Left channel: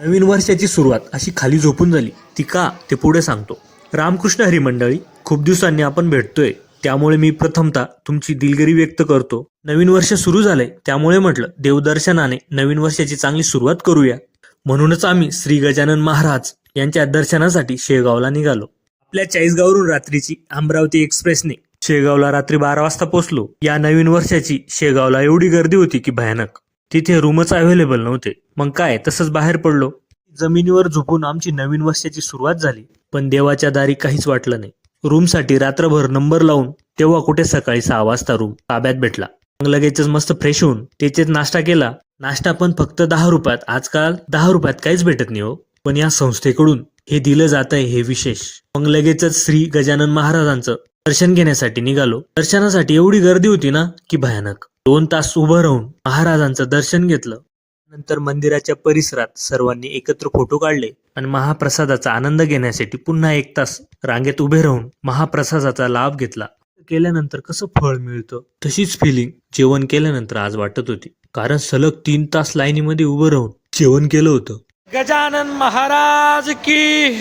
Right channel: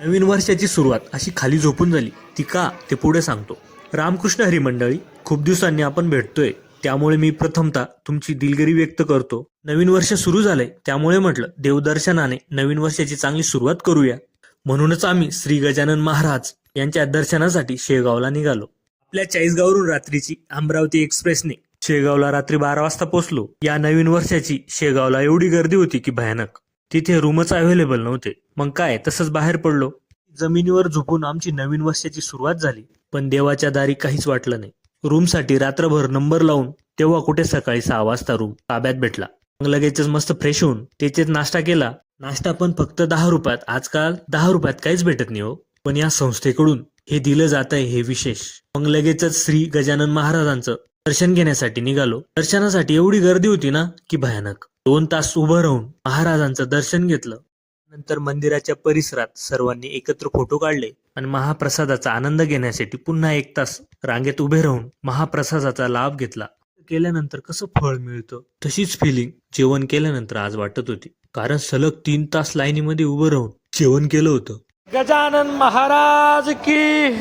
नवीन वर्षाची सुरुवात अशी खाली झोपून झाली. ती का ते पुढे सांगतो. रामकृष्ण हरी मंडळी, खूप दिवसांनी आपण भेटतोय, त्यामुळे मी प्रथमतः तुमची दिलगिरी व्यक्त करतो. नवीन वर्ष सुरू झालंय, त्यामुळे म्हटलं देवदर्शनाने नवीन वर्षाची चांगली सुरुवात करूया. म्हणूनच आम्ही श्री गजानन महाराज यांच्या दर्शनासाठी शेगावला निघालो. आपल्या चाळीसगावरून रात्रीची अमरावती एक्सप्रेसने शेगावला रात्री 12 वाजता पोहोचलो. या नवीन वर्षाची शेगावला एवढी गर्दी होती की भयानक. तिथे रूमच अवेलेबल नव्हते. मग काय, तसंच बाहेर पडलो. जमिनीवर झोपून आमची नवीन वर्षाची सुरुवात झाली. पण देवाच्या दारी काहीच वाटलं नाही. रूमसाठी रात्रभर नंबर लावून तेव्हा कुठे सकाळी 6 वाजता रूम ताब्यात भेटला. मग लगेचच मस्त फ्रेश होऊन त्याचेच नाश्ता केला. नाश्ता पण फक्त 10 रुपयात. आजकाल 10 रुपयात काहीच भेटत नाही हो, पण या संस्थेकडून हे दिलं जात आहे हे विशेष. मग लगेचच श्री गजानन महाराजांचं दर्शन घेण्यासाठी निघालो. दर्शनासाठी एवढी गर्दी होती ना की भयानक. 2 तास उभं राहून महाराजांचं दर्शन घेतलं. नंतर मंदिराच्या परिसरात सर्वांनी एकत्र फोटो काढले आणि महाप्रसादाचा आनंद घेण्यासाठी पुन्हा 1 तास रांगेत उभे राहून महाप्रसादाचा लाभ घेतला. केल्यानंतर कसं फळ मिळतं तशीच फिलिंग जेवण केल्यानंतर आज वाटत होती. कारण सलग 3 तास लाईनीमध्ये उभं राहून जेवण केलं होतं. गजानन महाराज की